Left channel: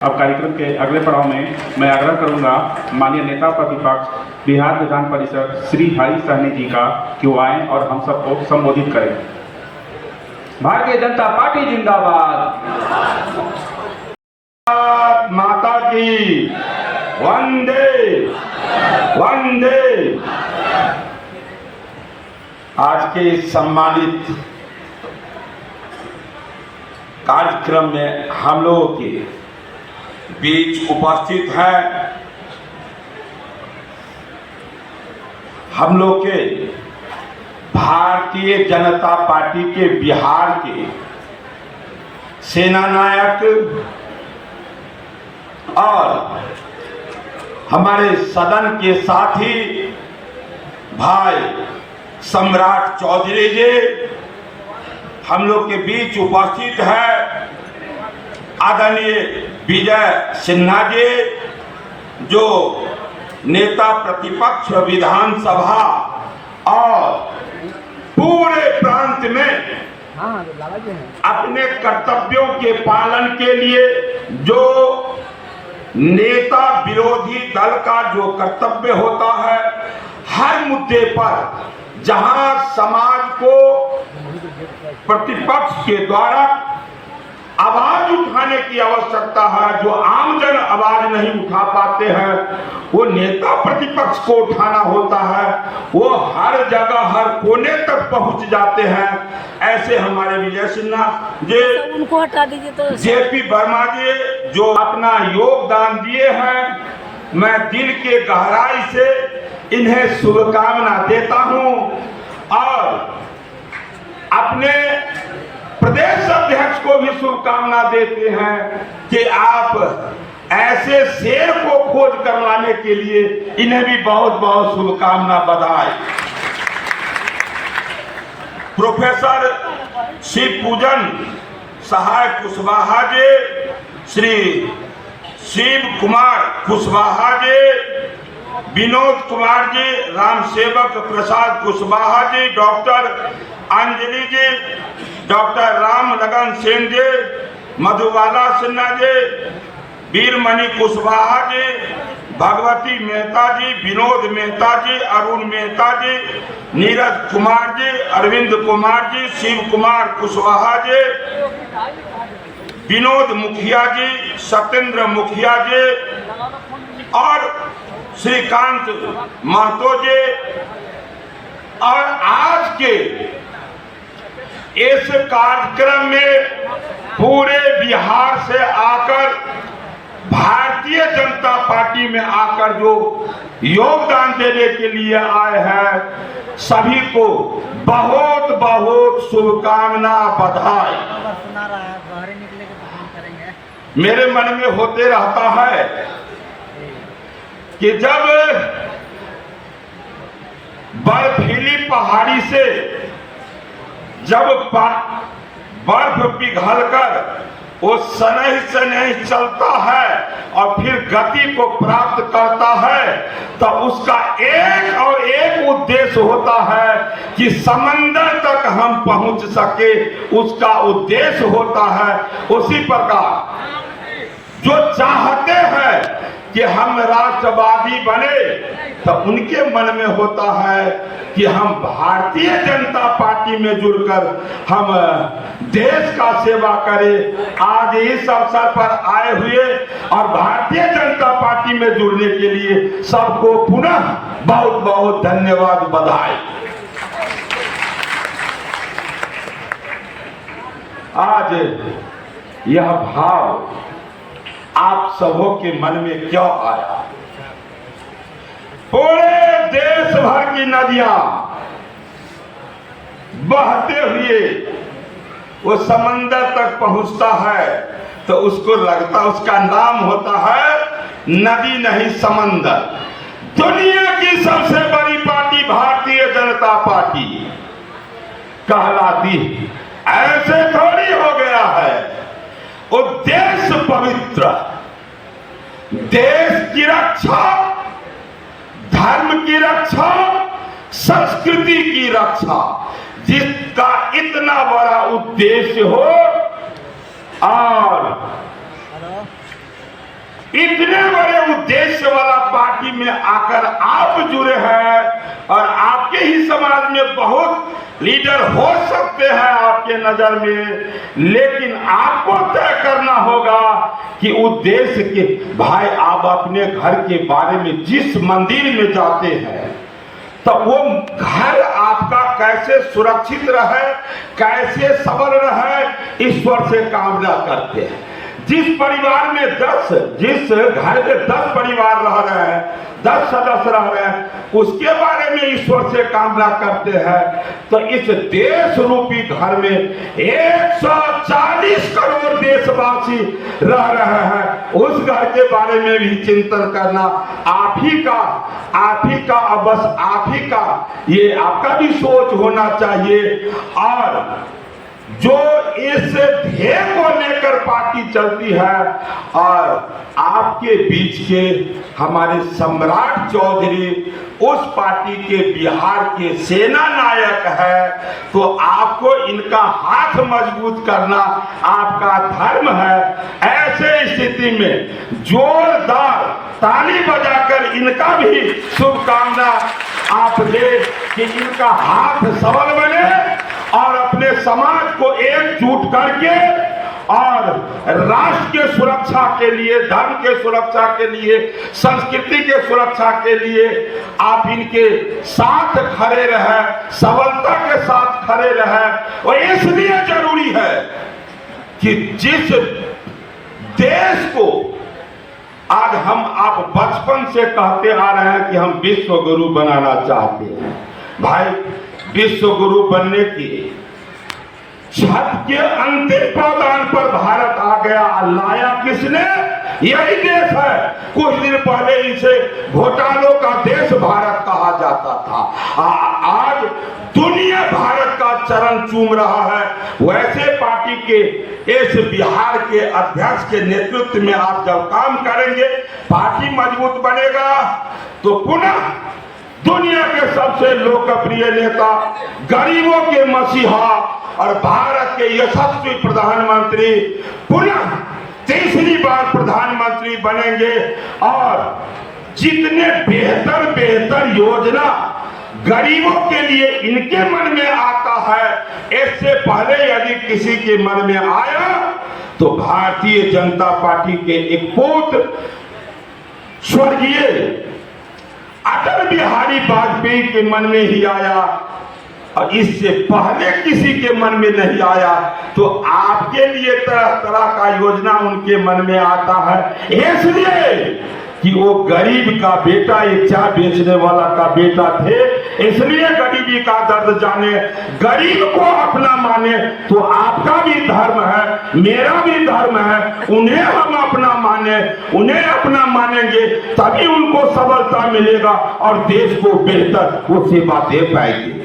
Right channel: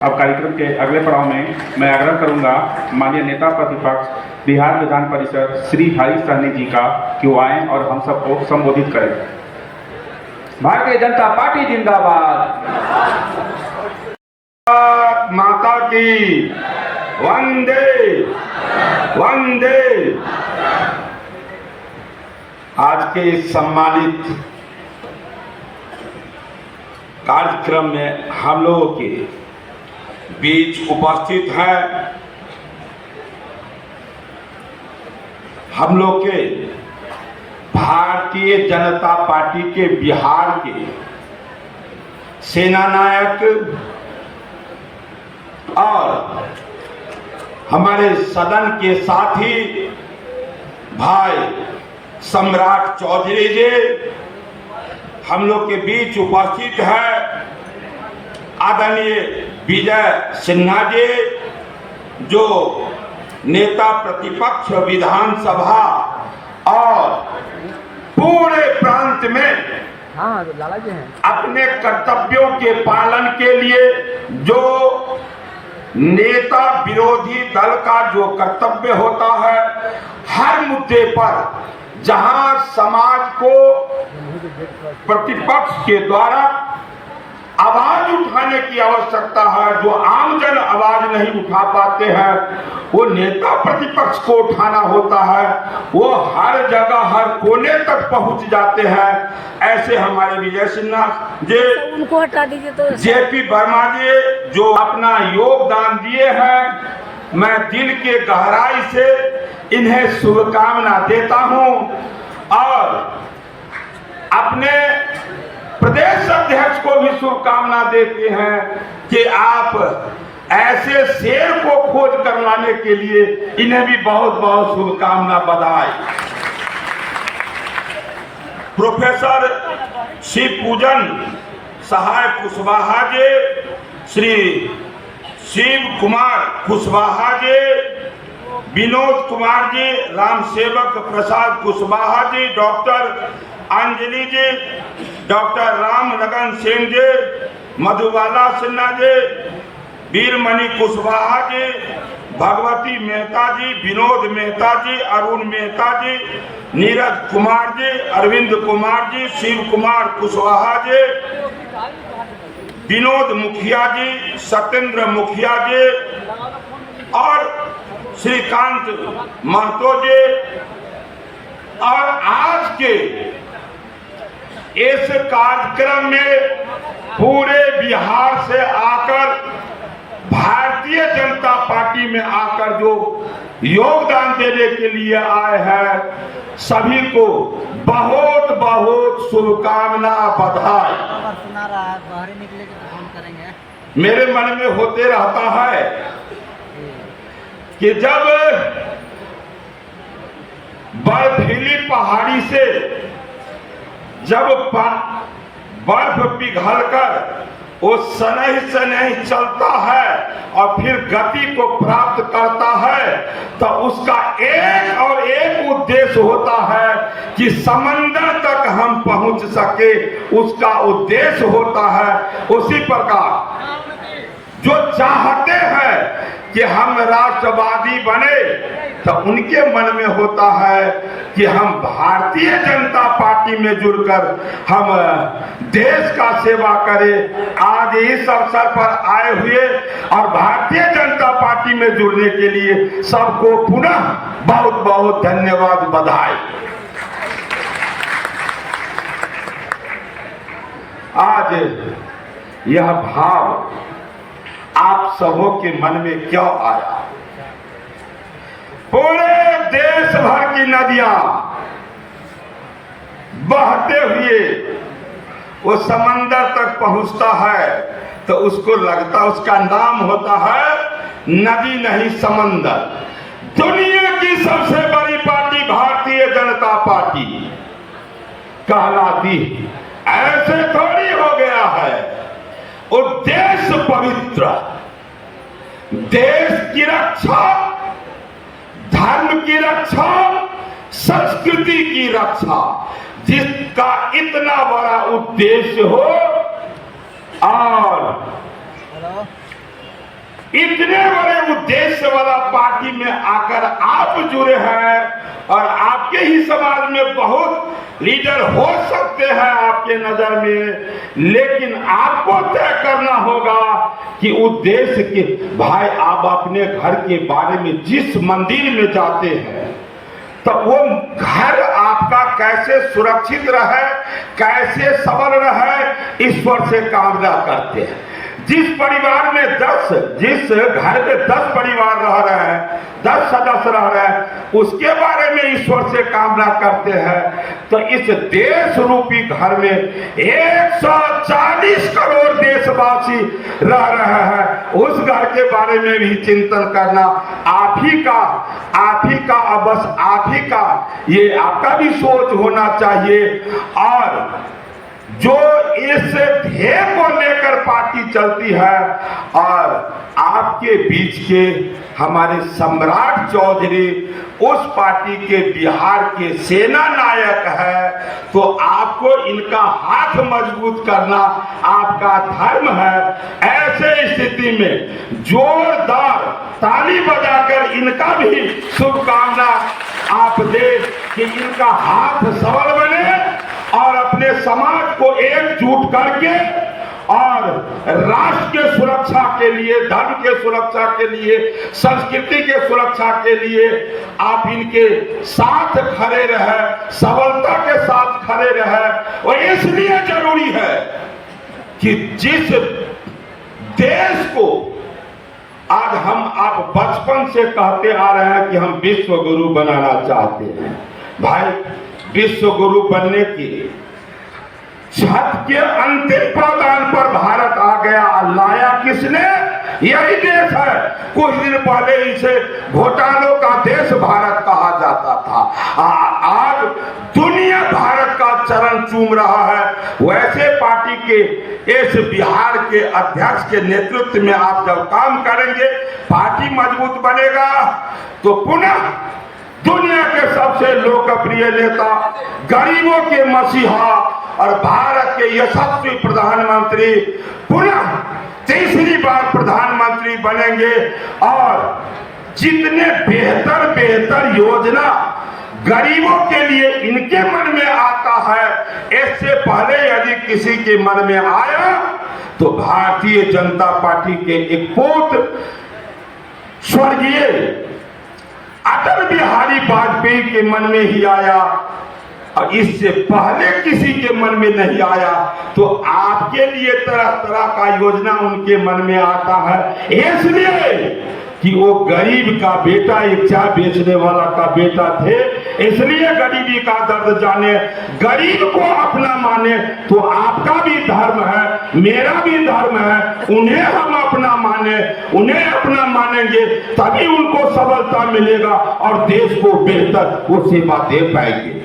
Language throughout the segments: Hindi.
अब कार्यक्रम के अगले पड़ाव में मैं आग्रह करूंगा माननीय नेता प्रतिपक्ष बिहार विधान परिषद श्री हरीश सहनी जी का कि वो आए और हम सबको संबोधित करें। भारतीय जनता पार्टी जिंदाबाद। माता की वंदे वंदे। आज के इस सम्मानित कार्यक्रम में हम लोगों के बीच उपस्थित हैं हम लोग के भारतीय जनता पार्टी के बिहार के सेना नायक और हमारे सदन के साथी भाई सम्राट चौधरी जी हम लोग के बीच उपस्थित है। आदरणीय विजय सिन्हा जी जो नेता प्रतिपक्ष विधानसभा और पूरे प्रांत में अपने कर्तव्यों के पालन के लिए जो नेता विरोधी दल का जो कर्तव्य होता है, हर मुद्दे पर जहां समाज को प्रतिपक्ष के द्वारा आवाज उठाने की आवश्यकता है, जो आमजन आवाज नहीं उठा पाते हैं, वो नेता प्रतिपक्ष को उठाना होता है। वो हर जगह हर कोने तक पहुंच जाते हैं। ऐसे हमारे विजय सिन्हा जी, उनको हटा दीजिए। तो जेपी वर्मा जी जो अपना योगदान दिए हैं, मैं दिल के गहराई से इन्हें शुभकामना देता हूं और अपने प्रदेश अध्यक्ष को भी शुभकामना देते हैं कि आप ऐसे शेर को खोज कर लाने के लिए इन्हें भी बहुत बहुत शुभकामना बधाई। प्रोफेसर शिव पूजन सहाय कुशवाहा जी, श्री शिव कुमार कुशवाहा जी, विनोद कुमार जी, राम सेवक प्रसाद कुशवाहा जी, डॉक्टर अंजलि जी, डॉक्टर राम लगन सिंह जी, मधुबाला सिन्हा जी, वीरमणि कुशवाहा जी, भगवती मेहता जी, विनोद मेहता जी, अरुण मेहता जी, नीरज कुमार जी, अरविंद कुमार जी, शिव कुमार कुशवाहा जी, विनोद मुखिया जी, सत्येंद्र मुखिया जी और श्रीकांत महतो जी। और आज के इस कार्यक्रम में पूरे बिहार से आकर भारतीय जनता पार्टी में आकर जो योगदान देने के लिए आए हैं, सभी को बहुत बहुत शुभकामना बधाई। सुना रहा है, बाहर निकले के फोन करेंगे। मेरे मन में होते रहता है कि जब बर्फीली पहाड़ी से जब बर्फ पिघलकर वो सनह चलता है और फिर गति को प्राप्त करता है, तो उसका एक और एक उद्देश्य होता है कि समंदर तक हम पहुंच सके, उसका उद्देश्य होता है। उसी प्रकार जो चाहते हैं कि हम राष्ट्रवादी बने, तो उनके मन में होता है कि हम भारतीय जनता पार्टी में जुड़कर हम देश का सेवा करें। आज इस अवसर पर आए हुए और भारतीय जनता पार्टी में जुड़ने के लिए सबको पुनः बहुत बहुत धन्यवाद बधाई। आज यह भाव आप सबों के मन में क्यों आया? पूरे देश भर की नदियां बहते हुए वो समंदर तक पहुंचता है, तो उसको लगता, उसका नाम होता है नदी नहीं समंदर। दुनिया की सबसे बड़ी पार्टी भारतीय जनता पार्टी कहलाती। ऐसे थोड़ी हो गया है। उद्देश्य पवित्र, देश की रक्षा, धर्म की रक्षा, संस्कृति की रक्षा, जिसका इतना बड़ा उद्देश्य हो और इतने बड़े उद्देश्य वाला पार्टी में आकर आप जुड़े हैं और आपके ही समाज में बहुत लीडर हो सकते हैं आपके नजर में, लेकिन आपको तय करना होगा कि उद्देश्य के भाई आप अपने घर के बारे में जिस मंदिर में जाते हैं तो वो घर आपका कैसे सुरक्षित रहे, कैसे सबल रहे, ईश्वर से कामना करते हैं। जिस परिवार में जिस घर में 10 परिवार रह रहे हैं, 10 सदस्य रह रहे हैं, उसके बारे में ईश्वर से कामना करते हैं। तो इस देश रूपी घर में 140 करोड़ देशवासी रह रहे हैं, उस घर के बारे में भी चिंतन करना आप ही का और बस आप ही का, ये आपका भी सोच होना चाहिए। और जो इस ध्येय को लेकर पार्टी चलती है, और आपके बीच के हमारे सम्राट चौधरी उस पार्टी के बिहार के सेना नायक है, तो आपको इनका हाथ मजबूत करना आपका धर्म है। ऐसे स्थिति में जोरदार ताली बजाकर इनका भी शुभकामना आप दे कि इनका हाथ सबल बने और अपने समाज को एकजुट करके और राष्ट्र के सुरक्षा के लिए, धर्म के सुरक्षा के लिए, संस्कृति के सुरक्षा के लिए आप इनके साथ खड़े रहे, सबलता के साथ खड़े रहे। और इसलिए जरूरी है कि जिस देश को आज आप बचपन से कहते आ रहे हैं कि हम विश्व गुरु बनाना चाहते हैं, भाई विश्व गुरु बनने की छत के अंतिम पायदान पर भारत आ गया। लाया किसने? यही देश है। कुछ दिन पहले इसे घोटालों का देश भारत कहा जाता था। आज दुनिया भारत का चरण चूम रहा है। वैसे पार्टी के इस बिहार के अध्यक्ष के नेतृत्व में आप जब काम करेंगे, पार्टी मजबूत बनेगा, तो पुनः दुनिया के सबसे लोकप्रिय नेता, गरीबों के मसीहा और भारत के यशस्वी प्रधानमंत्री पुनः तीसरी बार प्रधानमंत्री बनेंगे। और जितने बेहतर योजना गरीबों के लिए इनके मन में आता है, इससे पहले यदि किसी के मन में आया तो भारतीय जनता पार्टी के एक पुत्र स्वर्गीय अटल बिहारी वाजपेयी के मन में ही आया, और इससे पहले किसी के मन में नहीं आया। तो आपके लिए तरह तरह का योजना उनके मन में आता है, इसलिए कि वो गरीब का बेटा, एक चाय बेचने वाला का बेटा थे, इसलिए गरीबी का दर्द जाने, गरीब को अपना माने। तो आपका भी धर्म है, मेरा भी धर्म है, उन्हें हम अपना माने, उन्हें अपना मानेंगे तभी उनको सबलता मिलेगा और देश को बेहतर वो सेवा दे पाएंगे।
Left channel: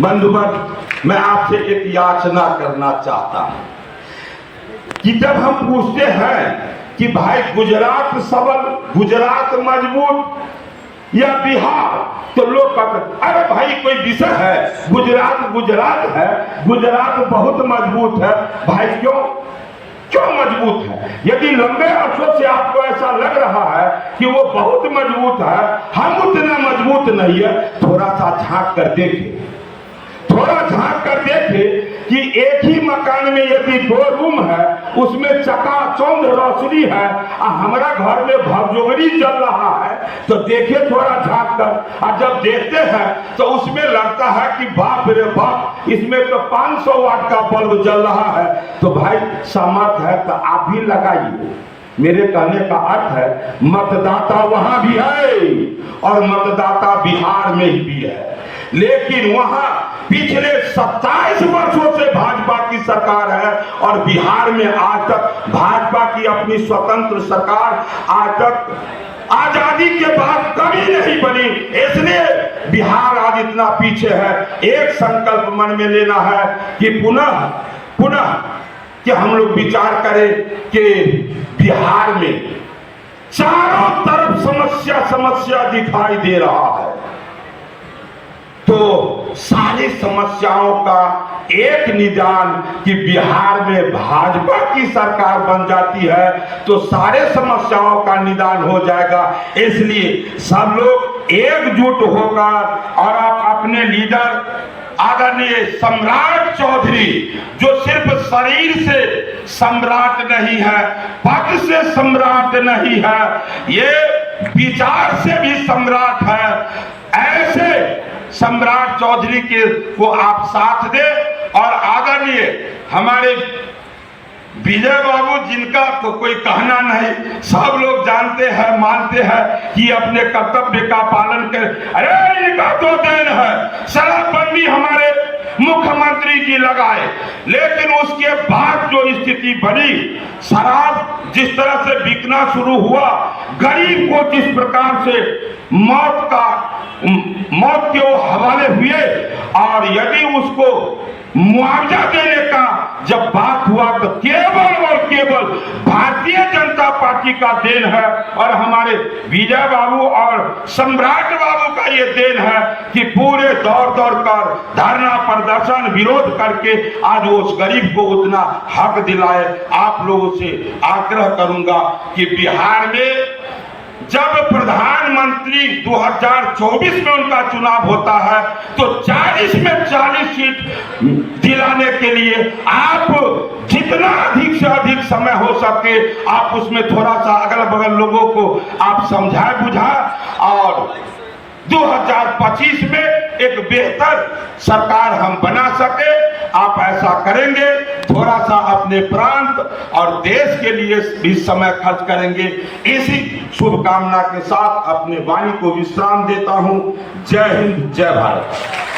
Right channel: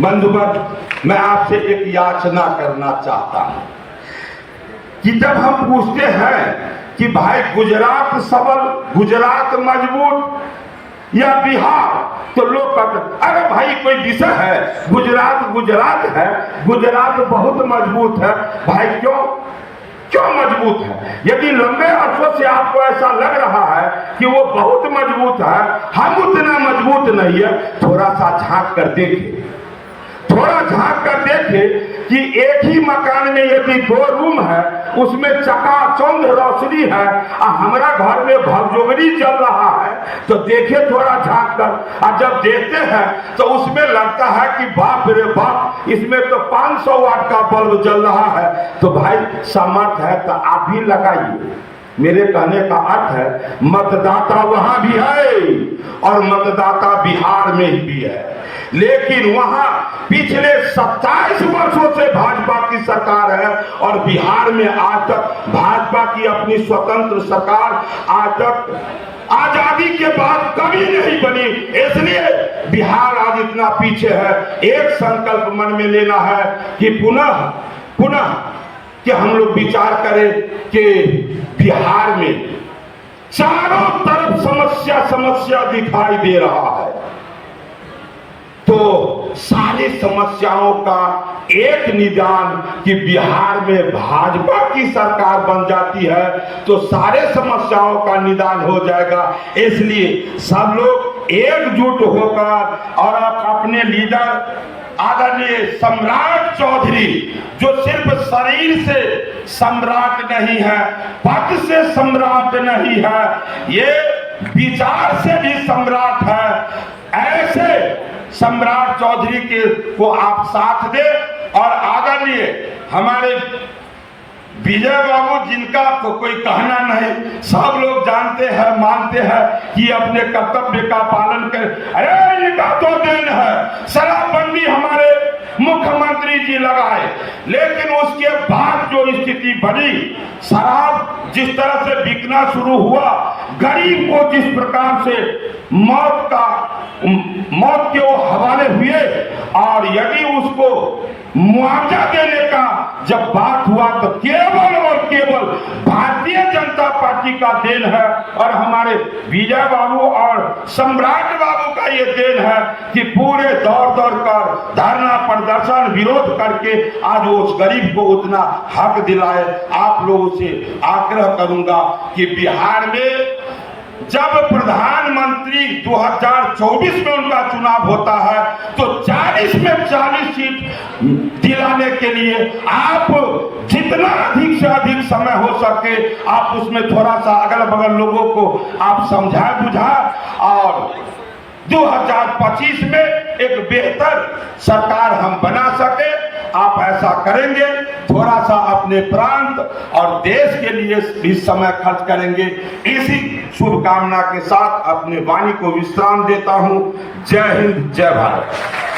बंधुगण, मैं आपसे एक याचना करना चाहता हूं कि जब हम पूछते हैं कि भाई गुजरात सबल, गुजरात मजबूत या बिहार, तो लोग कहते अरे भाई कोई विषय है, गुजरात है, गुजरात बहुत मजबूत है। भाई क्यों मजबूत है? यदि लंबे अरसों से आपको ऐसा लग रहा है कि वो बहुत मजबूत है, हम उतना मजबूत नहीं है, थोड़ा सा झांक कर देखें, थोड़ा झांक कर देखें कि एक ही मकान में यदि 2 रूम है, उसमें चकाचौंध रोशनी है और हमारा घर में भगजोगरी चल रहा है, तो देखिए थोड़ा झांक कर। और जब देखते हैं तो उसमें लगता है कि बाप रे बाप, इसमें तो 500 वाट का बल्ब जल रहा है। तो भाई सामर्थ्य है तो आप भी लगाइए। मेरे कहने का अर्थ है मतदाता वहां भी है और मतदाता बिहार में भी है, लेकिन वहां पिछले 27 वर्षों से भाजपा की सरकार है और बिहार में आज तक भाजपा की अपनी स्वतंत्र सरकार आज तक आजादी के बाद कभी नहीं बनी। इसलिए बिहार आज इतना पीछे है। एक संकल्प मन में लेना है कि पुनः कि हम लोग विचार करें कि बिहार में चारों तरफ समस्या दिखाई दे रहा है, तो सारी समस्याओं का एक निदान कि बिहार में भाजपा की सरकार बन जाती है तो सारे समस्याओं का निदान हो जाएगा। इसलिए सब लोग एकजुट होकर और आप अपने लीडर आदरणीय सम्राट चौधरी, जो सिर्फ शरीर से सम्राट नहीं है, पद से सम्राट नहीं है, ये विचार से भी सम्राट है, ऐसे सम्राट चौधरी के को आप साथ दे। और आदरणीय हमारे विजय बाबू, जिनका तो कोई कहना नहीं, सब लोग जानते हैं, मानते हैं कि अपने कर्तव्य का पालन कर। अरे इनका तो देन है, शराबबंदी हमारे मुख्यमंत्री जी लगाए, लेकिन उसके बाद जो स्थिति बनी, शराब जिस तरह से बिकना शुरू हुआ, गरीब को जिस प्रकार से मौत के वो हवाले हुए, और यदि उसको मुआवजा देने का जब बात हुआ तो केवल और केवल भारतीय जनता पार्टी का देन है, और हमारे विजय बाबू और सम्राट बाबू का ये देन है कि पूरे दौड़ कर धरना प्रदर्शन विरोध करके आज वो उस गरीब को उतना हक दिलाए। आप लोगों से आग्रह करूंगा कि बिहार में जब प्रधानमंत्री 2024 में उनका चुनाव होता है तो 40 में 40 सीट दिलाने के लिए आप जितना अधिक से अधिक समय हो सके आप उसमें थोड़ा सा अगल बगल लोगों को आप समझाए बुझाए, और 2025 में एक बेहतर सरकार हम बना सके। आप ऐसा करेंगे, थोड़ा सा अपने प्रांत और देश के लिए भी समय खर्च करेंगे। इसी शुभकामना के साथ अपने वाणी को विश्राम देता हूं। जय हिंद, जय भारत।